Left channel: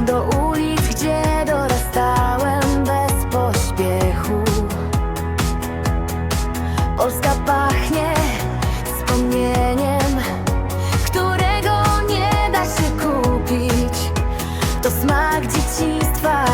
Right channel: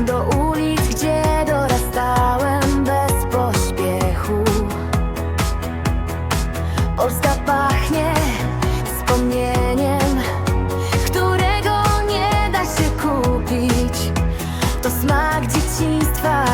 do ulic, gdzie dorastałem bez pośpiechu. Polska pachnie wspomnieniem, którego nie da się kupić. To smak dzieciństwa.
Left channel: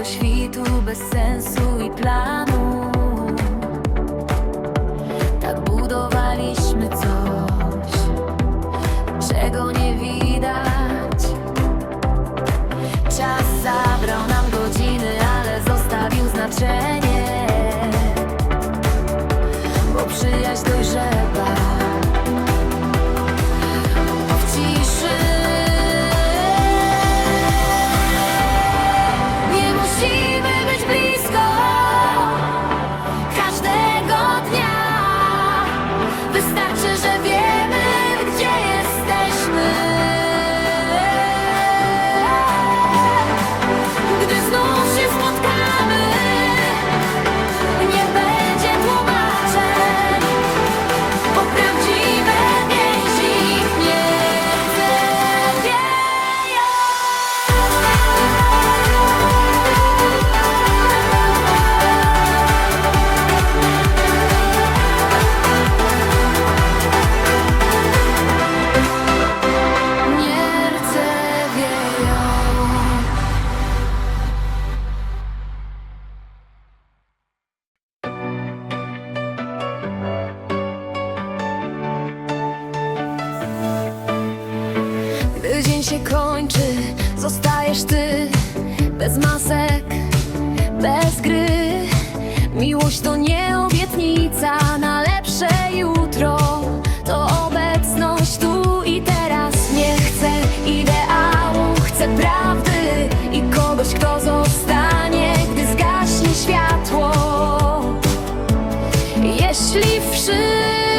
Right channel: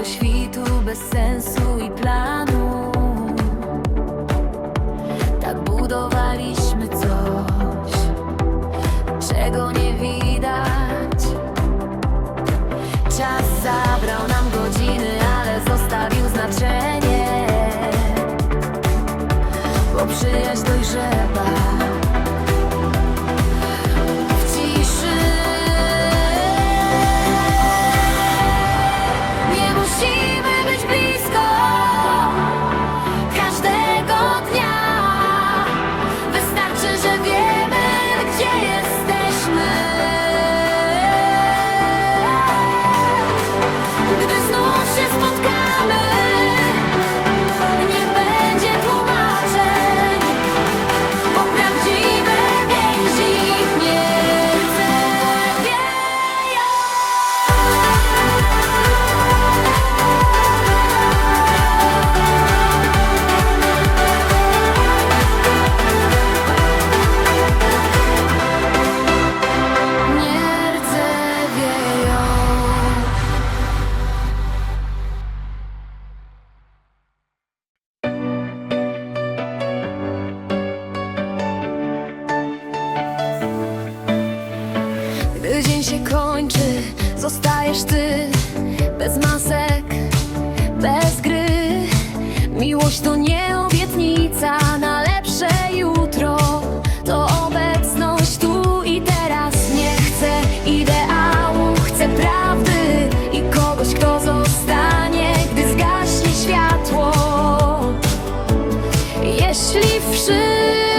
do świtu bez sensu i planu. Dzień się kończy, zostajesz ty. Bez masek, bez gry. Miłość to nie obietnica na lepsze jutro. To obecność tu i teraz. Nie chcę ideału, chcę prawdy I kogoś, kto zostanie, gdy zgaśnie światło. Jeśli wszyscy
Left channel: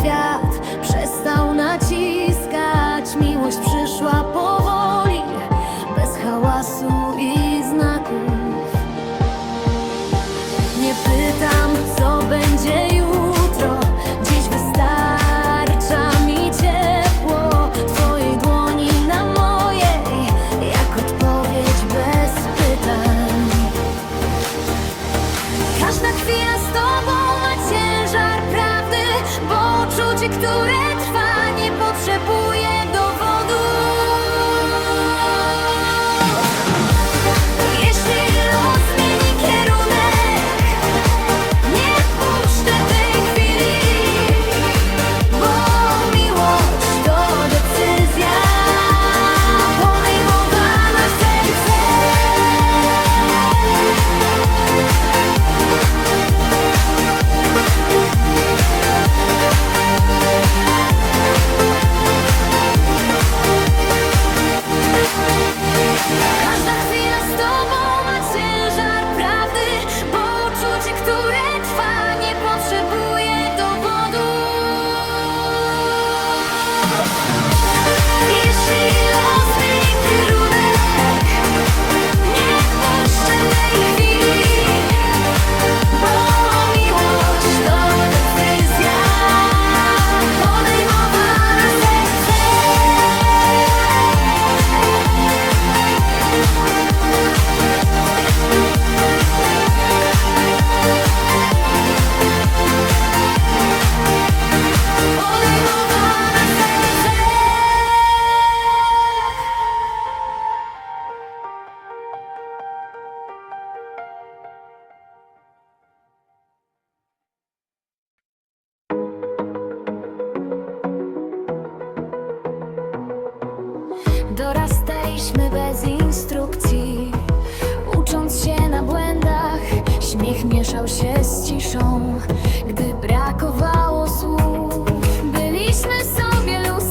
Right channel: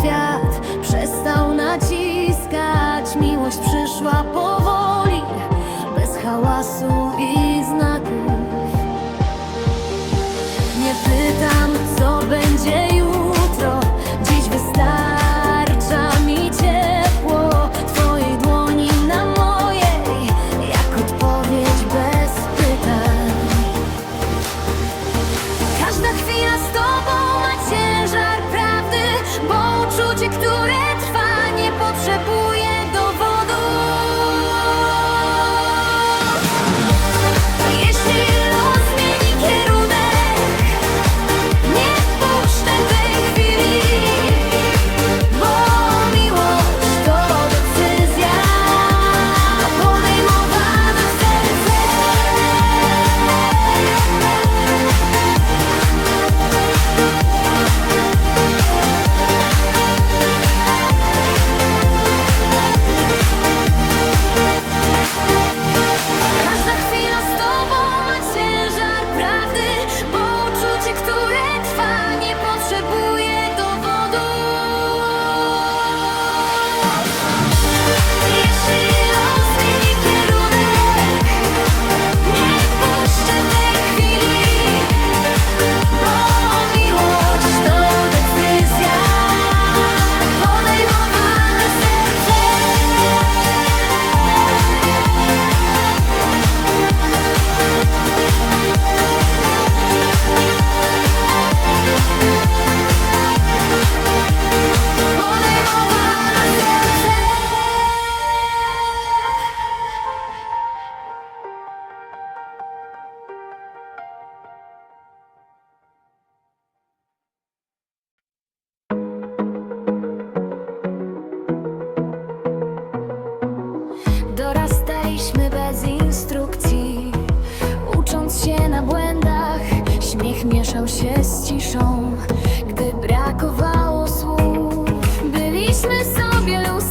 świat. się na błędach. Śmiech mieszał się z ciszą Gdy brakowało słów. Byliśmy sobie lustrem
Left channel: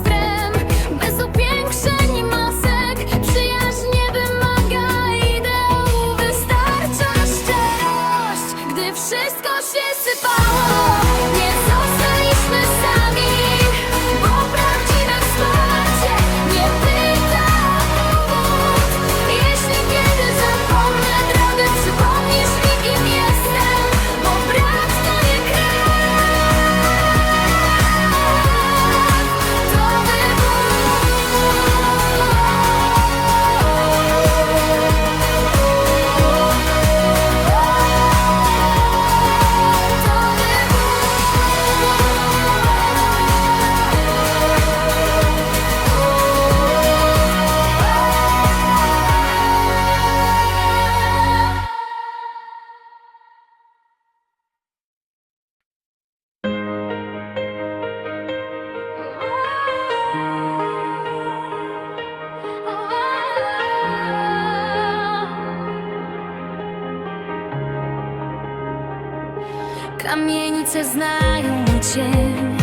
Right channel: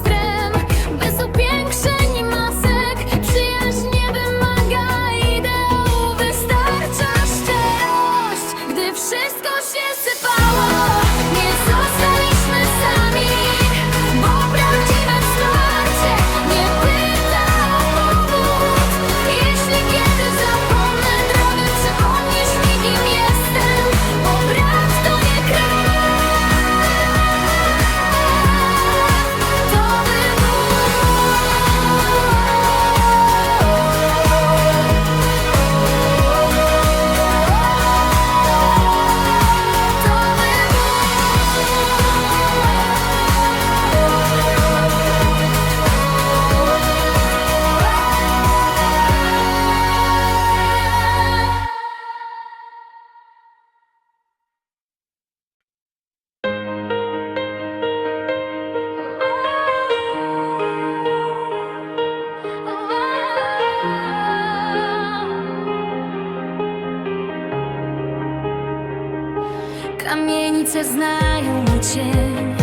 Kamienice znają mój cień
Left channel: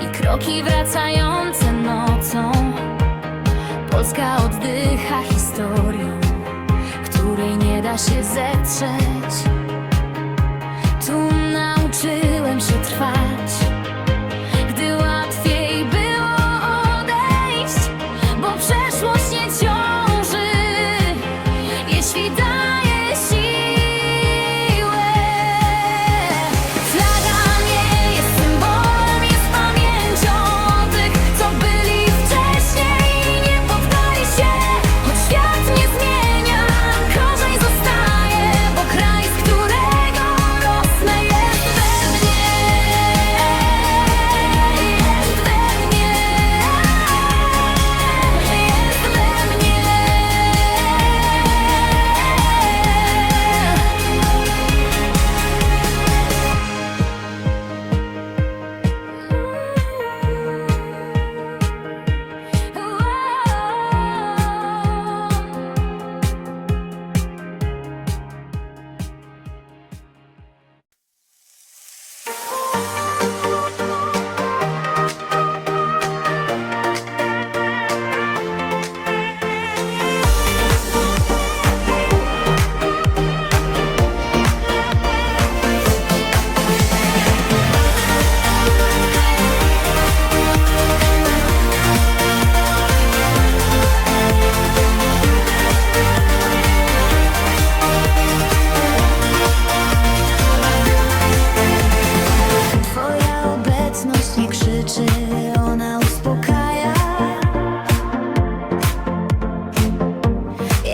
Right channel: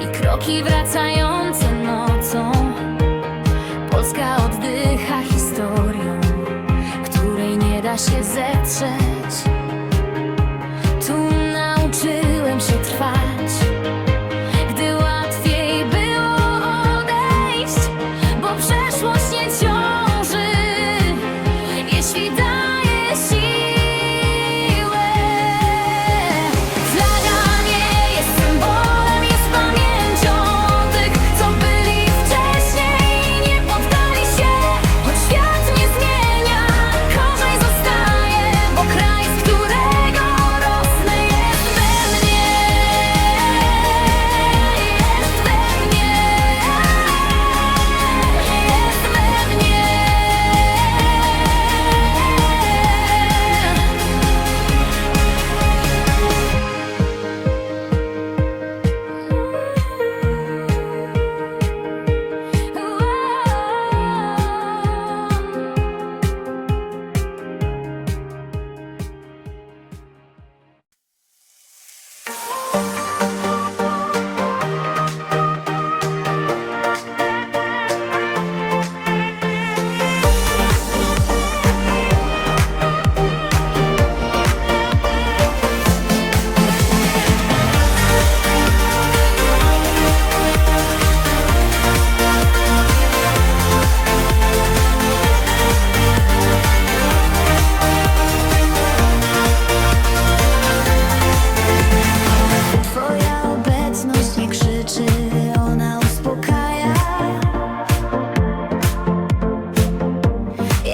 I kroki wracające nocą. Polska oddycha historią Której nie da się zetrzeć. Tu nauczyłem się trwać Gdy łamałem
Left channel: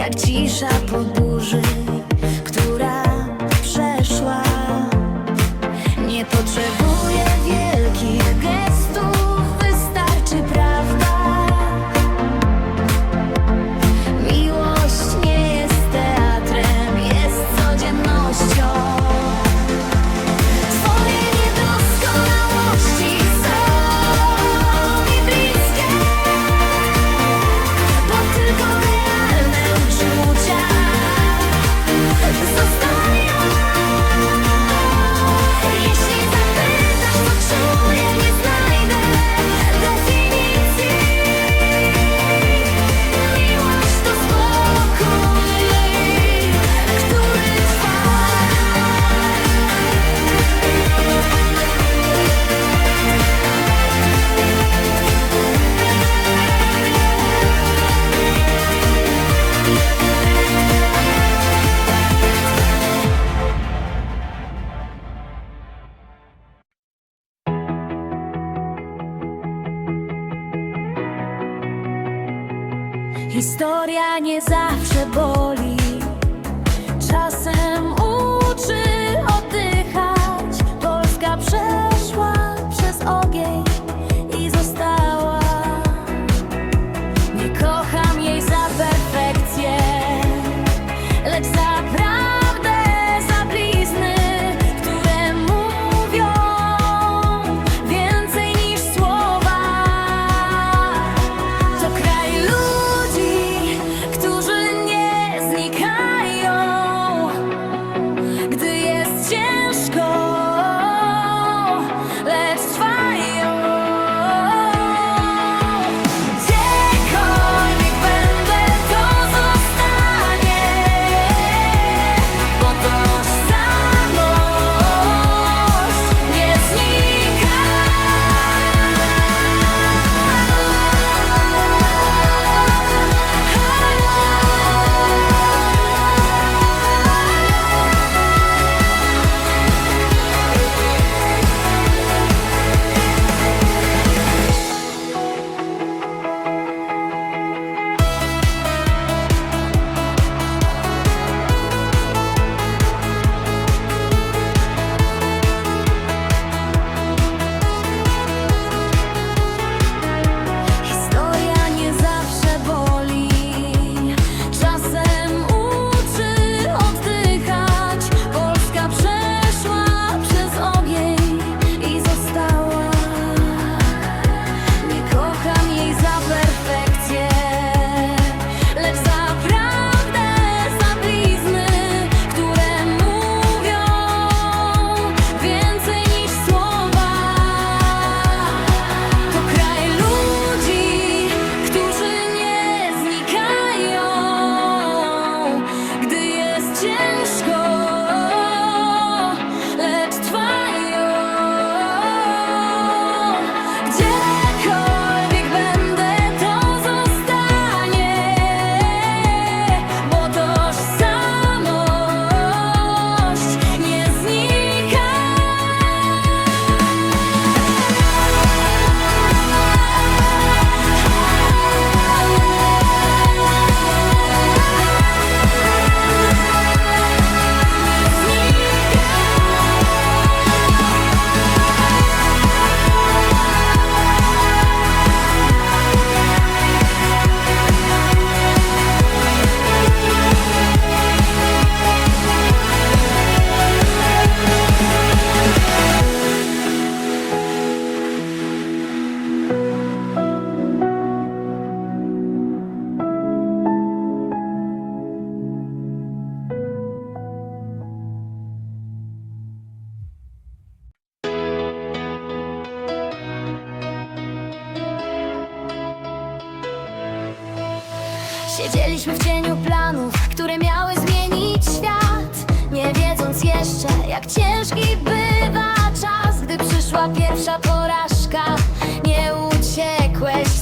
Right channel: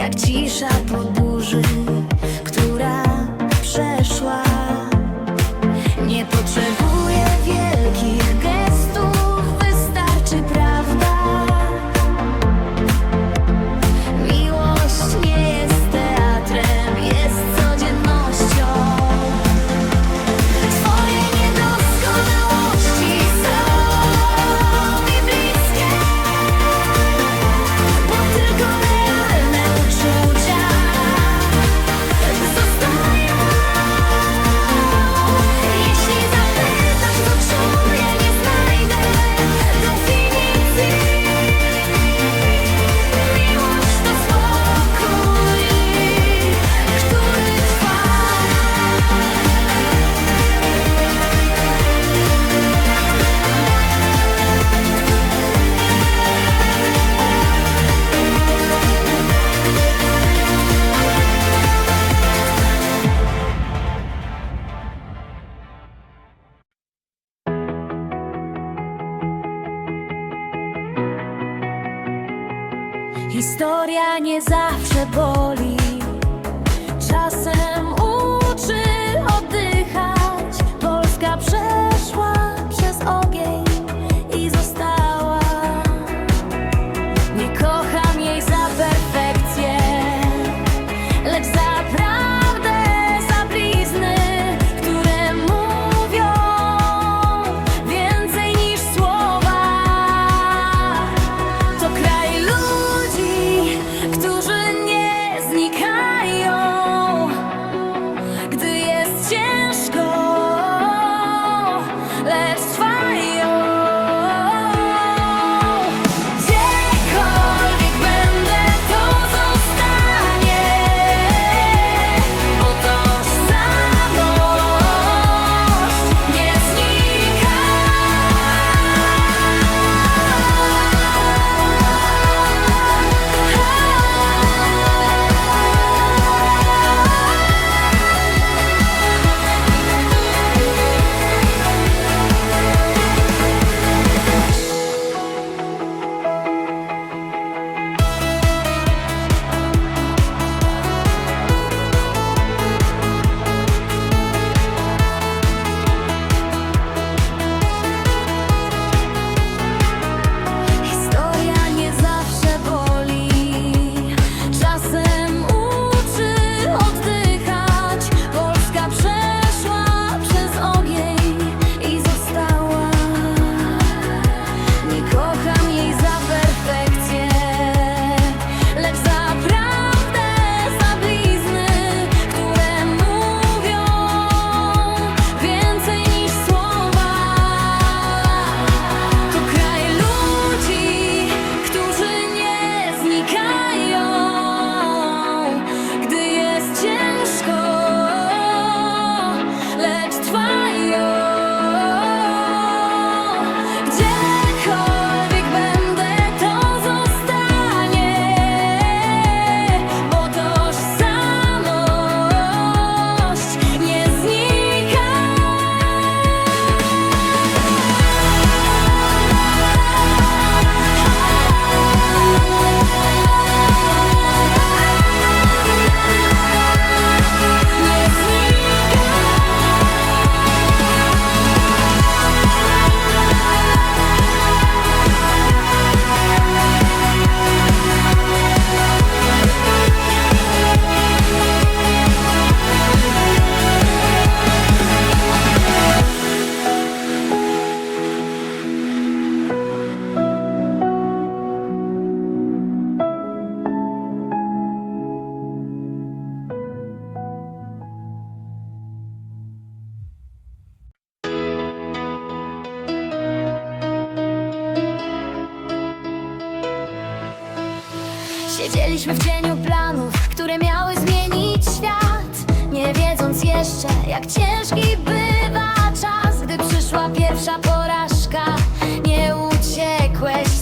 jak cisza po burzy, która przeszła. Nie potrzebuje. nie zawsze boli. Byliśmy w cieniu planów, które miały zmienić świat. Nie wiedząc jeszcze, jak ciężki bywa czas Gdy przyszła pierwsza porażka, nie uciekłeś